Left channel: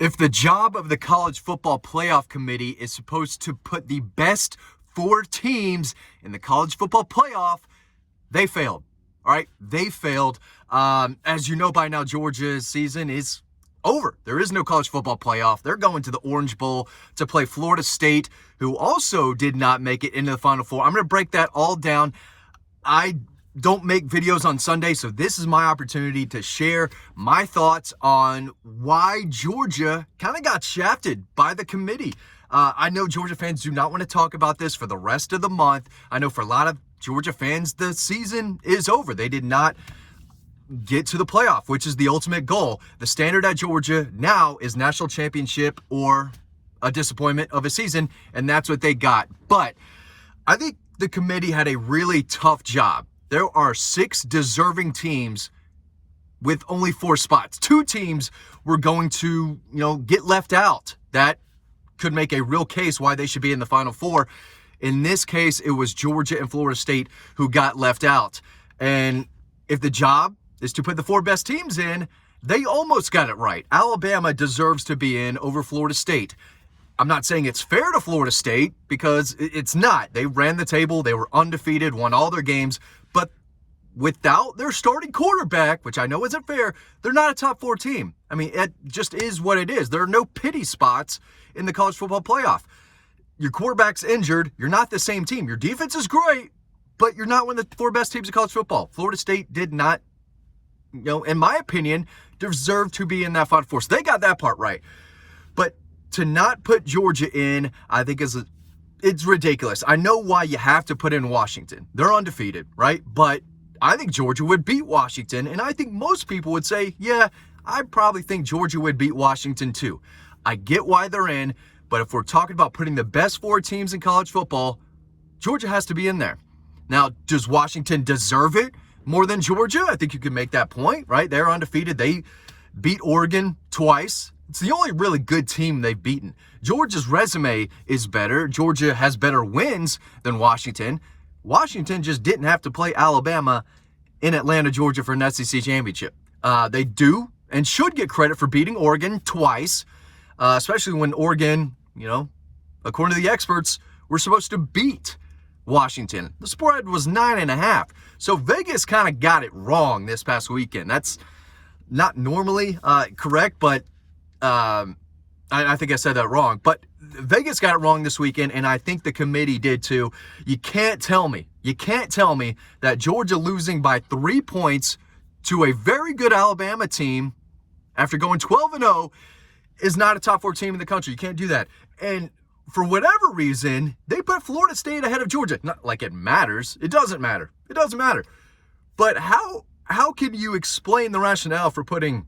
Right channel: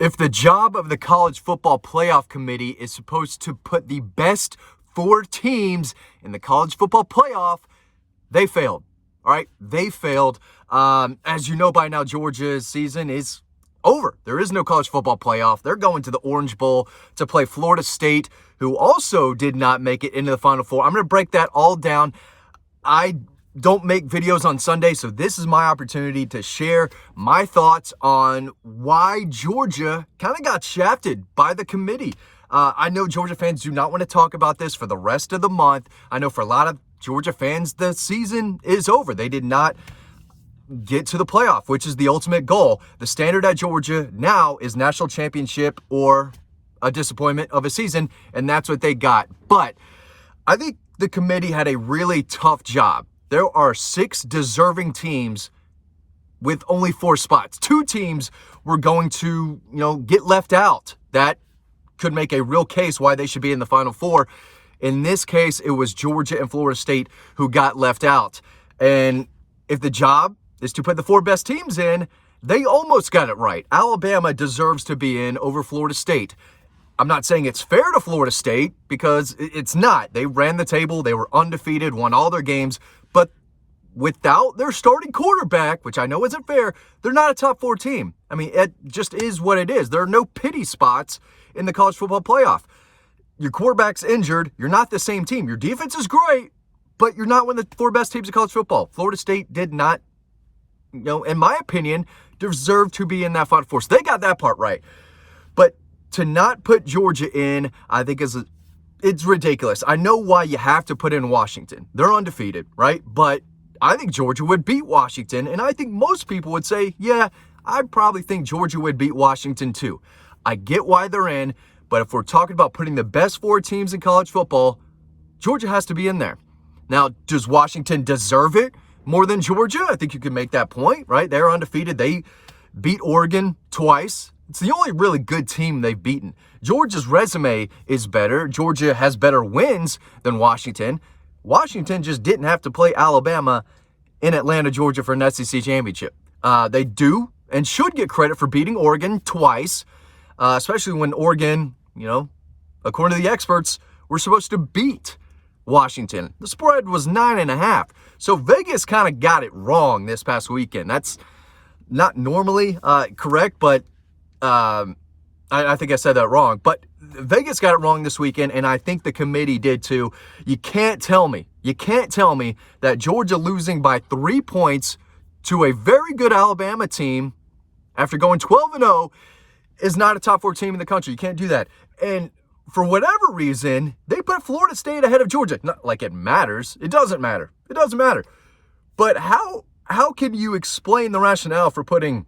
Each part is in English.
If the job of the college football playoff committee is supposed to put the best 4 teams in the college football playoff, they failed. All right, they failed. As you know by now, Georgia's season is over. There is no college football playoff. They're going to the Orange Bowl to play Florida State, who also did not make it into the Final Four. I'm going to break that all down. I don't make videos on Sunday, so this is my opportunity to share my thoughts on why Georgia kind of got shafted by the committee. I know Georgia fans do not want to talk about this for the rest of the month. I know for a lot of Georgia fans, the season is over. They did not get to the playoff, which is the ultimate goal. The standard at Georgia now is national championship or a disappointment of a season, and that's what they got. But I think the committee had a really tough job. There are 6 deserving teams with only 4 spots. 2 teams were going to, get left out. That could make a real case why they should be in the Final Four. In this case, it was Georgia and Florida State who got left out. And if the job is to put the 4 best teams in, they almost got it right. Alabama deserves to be in over Florida State. I'm not saying it's fair to Florida State because it's not. They ran the table. They were undefeated, won all their games. But without their starting quarterback, which I know isn't fair, they're not a top 4 team. I mean, it just is what it is. There are no pity spots in the college football playoff. Your quarterback's injured. You're not the same team. Your defense is great, but you're not one of the 4 best teams in college football. Florida State did not, in my opinion, deserve to be in that Final Four. So they got that part right. But to not put Georgia in, I think it's ridiculous. I know why you have to put in Washington. They're undefeated, right? But I think Georgia would beat Washington. And I think most people would say, yeah, I probably think Georgia would beat Washington too. I get why they're in. But if we're talking about putting the best 4 teams in college football, Georgia has to be in there. Now, does Washington deserve it more than Georgia? I think you could make that point, right? They're undefeated. They beat Oregon twice. It's the only really good team they've beaten. Georgia's resume is better. Georgia has better wins than Washington. Washington just didn't have to play Alabama in Atlanta, Georgia for an SEC championship. They do and should get credit for beating Oregon twice, especially when Oregon, according to the experts, were supposed to beat Washington. The spread was 9.5. So Vegas kind of got it wrong this past weekend. That's not normally correct, but I think I said that wrong. But Vegas got it wrong this weekend, and I think the committee did too. You can't tell me that Georgia losing by 3 points to a very good Alabama team after going 12-0 is not a top 4 team in the country. You can't do that. And for whatever reason, they put Florida State ahead of Georgia. Not like it matters. It doesn't matter. It doesn't matter. But how can you explain the rationale for putting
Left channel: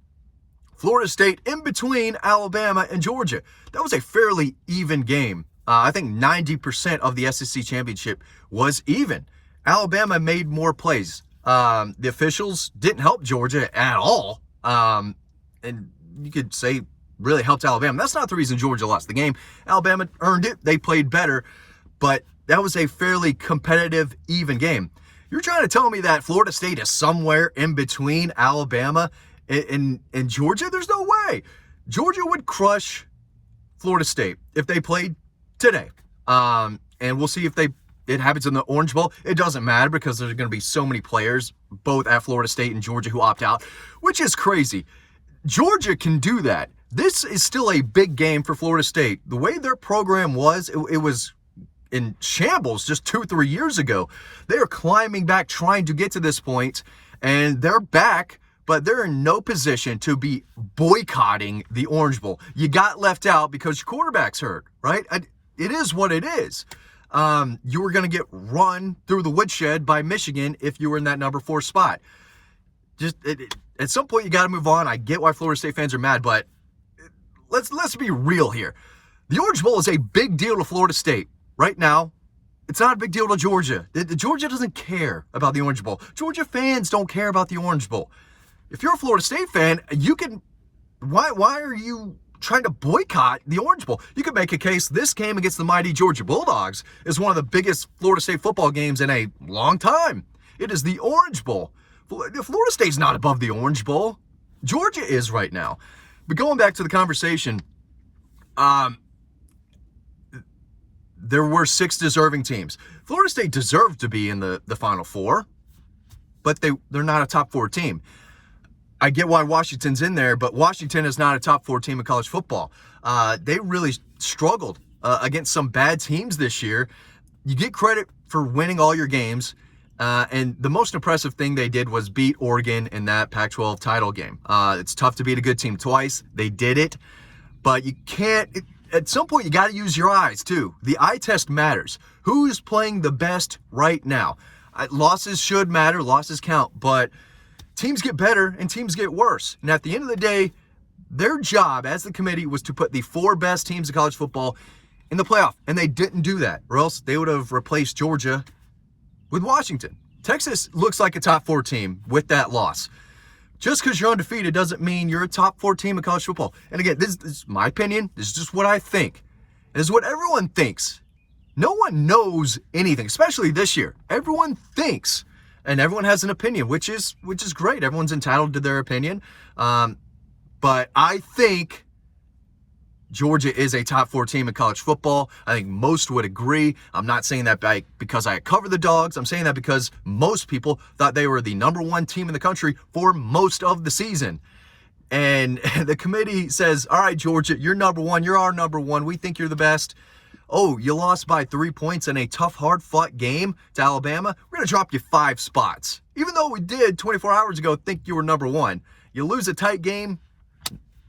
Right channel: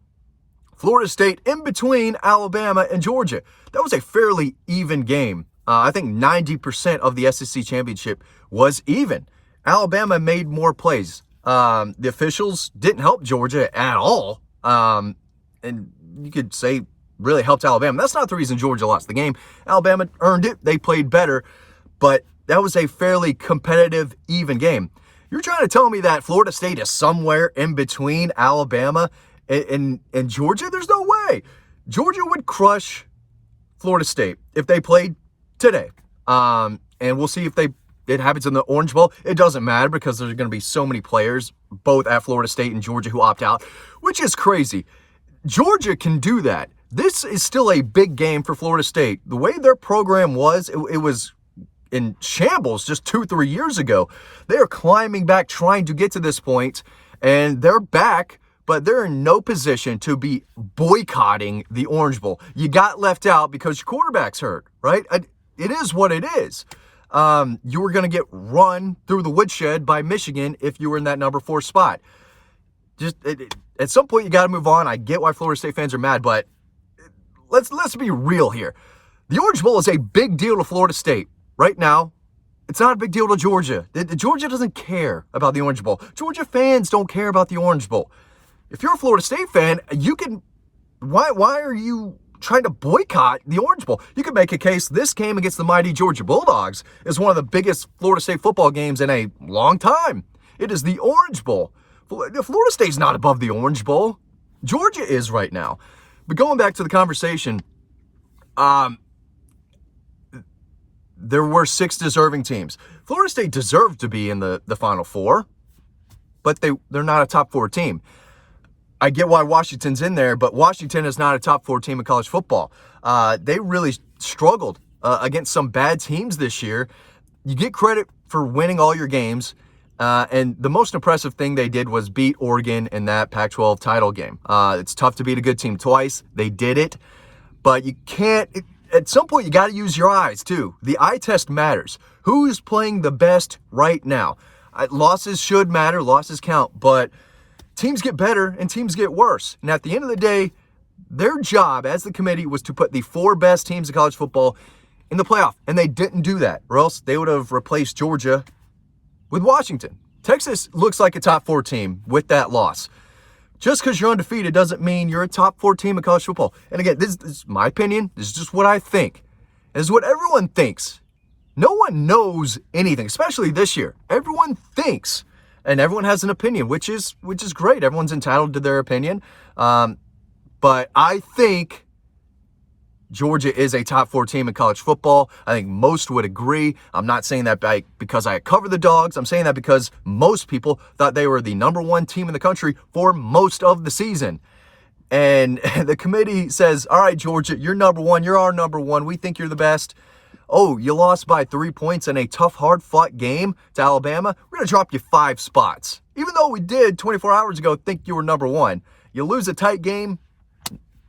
Florida State in between Alabama and Georgia? That was a fairly even game. I think 90% of the SEC championship was even. Alabama made more plays. The officials didn't help Georgia at all. And you could say really helped Alabama. That's not the reason Georgia lost the game. Alabama earned it. They played better. But that was a fairly competitive, even game. You're trying to tell me that Florida State is somewhere in between Alabama and Georgia? There's no way. Georgia would crush Florida State if they played today. And we'll see if it happens in the Orange Bowl. It doesn't matter because there's going to be so many players, both at Florida State and Georgia, who opt out, which is crazy. Georgia can do that. This is still a big game for Florida State. The way their program was, it was in shambles just 2-3 years ago. They are climbing back, trying to get to this point, and they're back, but they're in no position to be boycotting the Orange Bowl. You got left out because your quarterback's hurt, right? It is what it is. You were going to get run through the woodshed by Michigan if you were in that number 4 spot. At some point, you got to move on. I get why Florida State fans are mad, but let's be real here. The Orange Bowl is a big deal to Florida State. Right now, it's not a big deal to Georgia. Georgia doesn't care about the Orange Bowl. Georgia fans don't care about the Orange Bowl. If you're a Florida State fan, you can... Why are you trying to boycott the Orange Bowl? You could make a case this game against the mighty Georgia Bulldogs is one of the biggest Florida State football games in a long time. It is the Orange Bowl. Florida State's not above the Orange Bowl. Georgia is right now. But going back to the conversation, there were 6 deserving teams. Florida State deserved to be in the Final Four, but they're not a top 4 team. I get why Washington's in there, but Washington is not a top 4 team in college football. They really struggled against some bad teams this year. You get credit for winning all your games, and the most impressive thing they did was beat Oregon in that Pac-12 title game. It's tough to beat a good team twice. They did it, but you can't. At some point, you got to use your eyes, too. The eye test matters. Who's playing the best right now? Losses should matter. Losses count, but teams get better and teams get worse. And at the end of the day, their job as the committee was to put the 4 best teams in college football in the playoff, and they didn't do that, or else they would have replaced Georgia with Washington. Texas looks like a top 4 team with that loss. Just because you're undefeated doesn't mean you're a top 4 team in college football. And again, this is my opinion. This is just what I think. This is what everyone thinks. No one knows anything, especially this year. Everyone thinks, and everyone has an opinion, which is great. Everyone's entitled to their opinion. But I think Georgia is a top 4 team in college football. I think most would agree. I'm not saying that because I cover the Dogs. I'm saying that because most people thought they were the number 1 team in the country for most of the season. And the committee says, all right, Georgia, you're number 1. You're our number 1. We think you're the best. Oh, you lost by 3 points in a tough, hard-fought game to Alabama. We're going to drop you 5 spots. Even though we did 24 hours ago think you were number 1. You lose a tight game,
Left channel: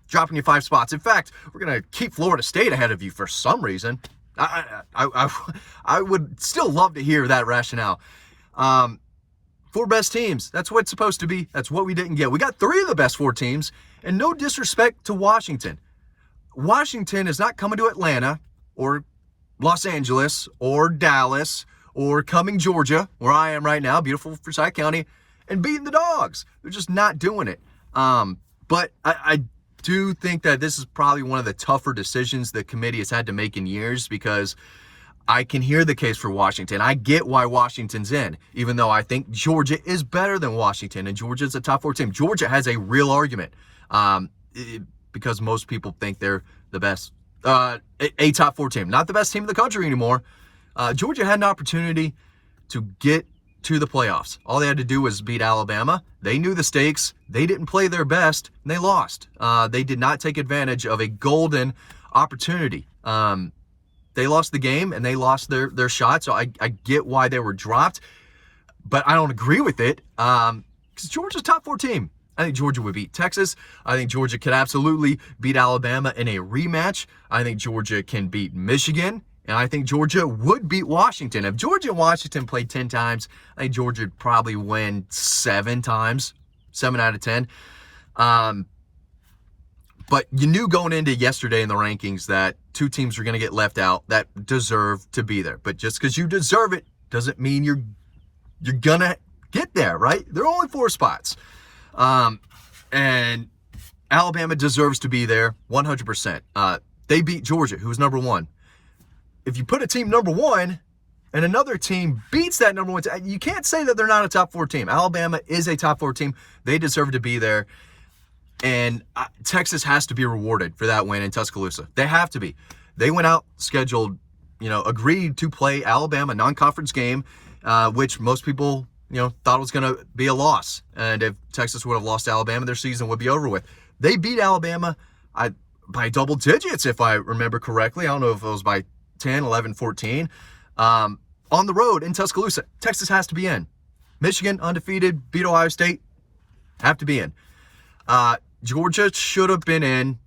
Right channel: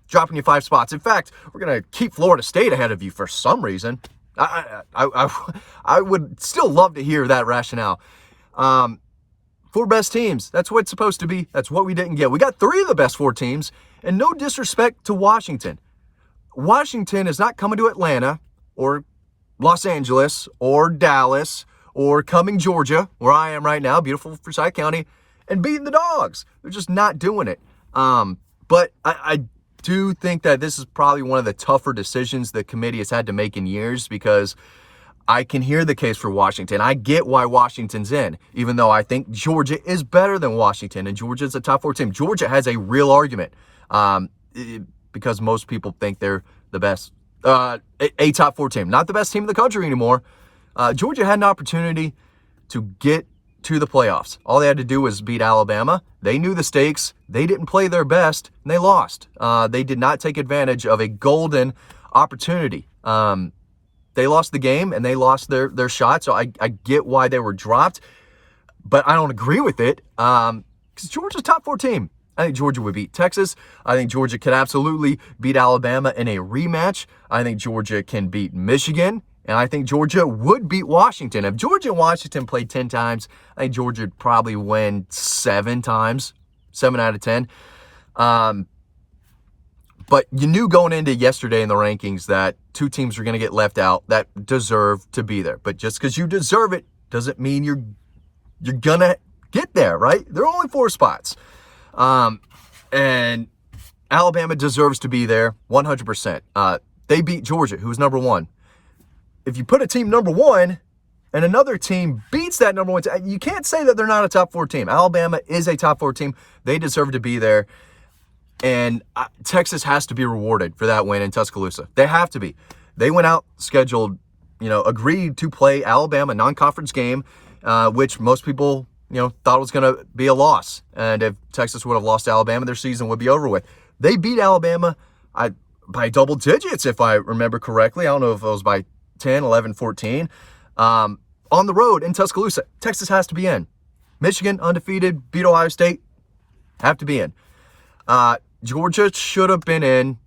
dropping you 5 spots. In fact, we're going to keep Florida State ahead of you for some reason. I would still love to hear that rationale. 4 best teams. That's what it's supposed to be. That's what we didn't get. We got 3 of the best 4 teams, and no disrespect to Washington. Washington is not coming to Atlanta or Los Angeles or Dallas or coming Georgia, where I am right now, beautiful Forsyth County, and beating the Dogs. They're just not doing it. But I do think that this is probably one of the tougher decisions the committee has had to make in years, because I can hear the case for Washington. I get why Washington's in, even though I think Georgia is better than Washington, and Georgia's a top 4 team. Georgia has a real argument because most people think they're the best, a top 4 team, not the best team in the country anymore. Georgia had an opportunity to get to the playoffs. All they had to do was beat Alabama. They knew the stakes. They didn't play their best, and they lost. They did not take advantage of a golden opportunity. They lost the game, and they lost their shot, so I get why they were dropped, but I don't agree with it, because Georgia's a top 4 team. I think Georgia would beat Texas. I think Georgia could absolutely beat Alabama in a rematch. I think Georgia can beat Michigan. And I think Georgia would beat Washington. If Georgia and Washington played 10 times, I think Georgia would probably win 7 times, 7 out of 10. But you knew going into yesterday in the rankings that 2 teams were going to get left out that deserve to be there. But just because you deserve it doesn't mean you're going to get there, right? There are only 4 spots. And Alabama deserves to be there 100%. They beat Georgia, who's number 1. If you put a team number 1 and another team beats that number 1, you can't say that they're not a top 4 team. Alabama is a top 4 team. They deserve to be there. And Texas has to be rewarded for that win in Tuscaloosa. They have to be. They went out, scheduled, agreed to play Alabama non-conference game, which most people, thought was going to be a loss. And if Texas would have lost to Alabama, their season would be over with. They beat Alabama by double digits, if I remember correctly. I don't know if it was by 10, 11, 14. On the road in Tuscaloosa. Texas has to be in. Michigan, undefeated, beat Ohio State, have to be in. Georgia should have been in,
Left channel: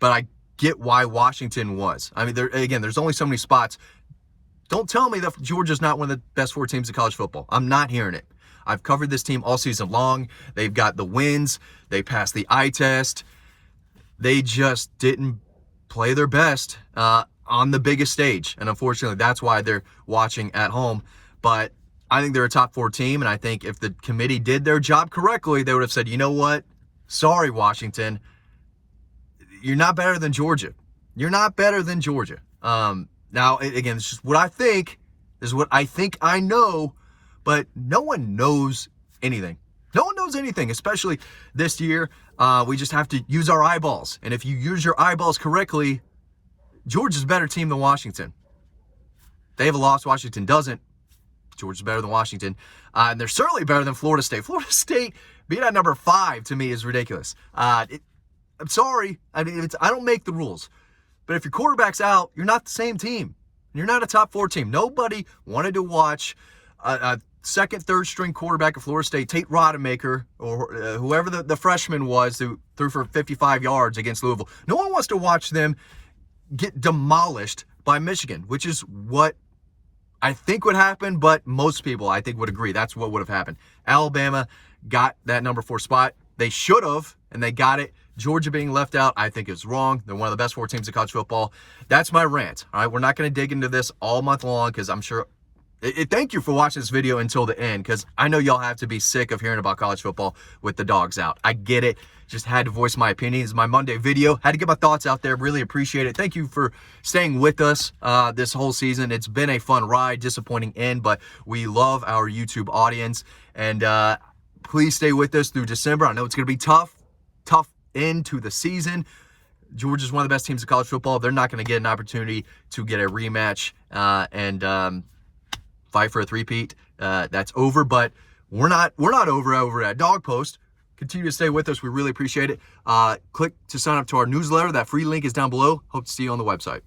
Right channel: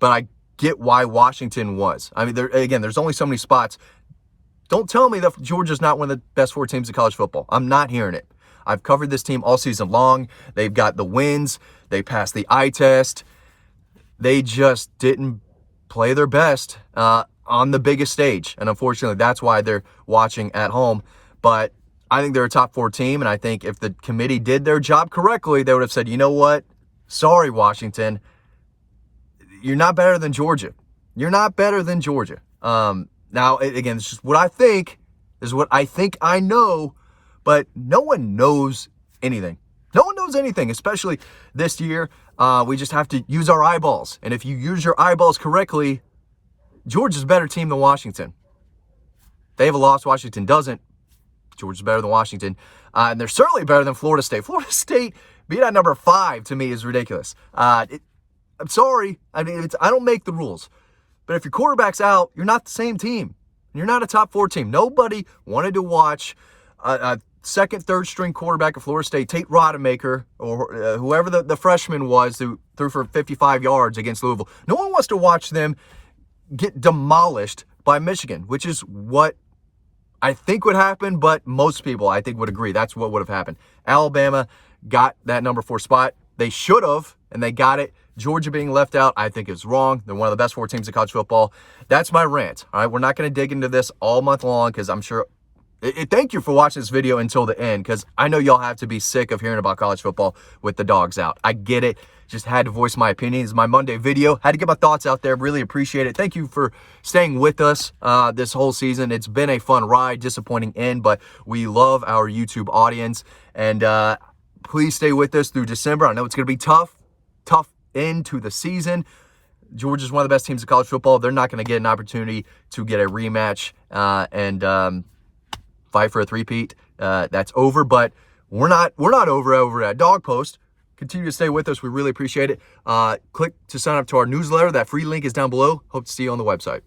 but I get why Washington was. I mean, there's only so many spots. Don't tell me that Georgia's not one of the best 4 teams in college football. I'm not hearing it. I've covered this team all season long. They've got the wins. They passed the eye test. They just didn't play their best on the biggest stage. And unfortunately, that's why they're watching at home. But I think they're a top 4 team. And I think if the committee did their job correctly, they would have said, you know what? Sorry, Washington. You're not better than Georgia. You're not better than Georgia. Now, again, it's just what I think. This is what I think I know. But no one knows anything. No one knows anything, especially this year. We just have to use our eyeballs. And if you use your eyeballs correctly, Georgia's a better team than Washington. They have a loss. Washington doesn't. Georgia's better than Washington. And they're certainly better than Florida State. Florida State being at number 5 to me is ridiculous. I'm sorry. I mean, I don't make the rules. But if your quarterback's out, you're not the same team. You're not a top 4 team. Nobody wanted to watch a second, third string quarterback of Florida State, Tate Rodemaker, or whoever the freshman was who threw for 55 yards against Louisville. No one wants to watch them get demolished by Michigan, which is what I think would happen, but most people, I think, would agree. That's what would have happened. Alabama got that number 4 spot. They should have, and they got it. Georgia being left out, I think, is wrong. They're one of the best 4 teams in college football. That's my rant. All right, we're not going to dig into this all month long because I'm sure. Thank you for watching this video until the end because I know y'all have to be sick of hearing about college football with the dogs out. I get it. Just had to voice my opinion. It's my Monday video. Had to get my thoughts out there. Really appreciate it. Thank you for staying with us this whole season. It's been a fun ride, disappointing end, but we love our YouTube audience. And please stay with us through December. I know it's going to be tough end to the season. Georgia's one of the best teams in college football. They're not going to get an opportunity to get a rematch and fight for a three-peat. That's over, but we're not over at Dawg Post. Continue to stay with us. We really appreciate it. Click to sign up to our newsletter. That free link is down below. Hope to see you on the website.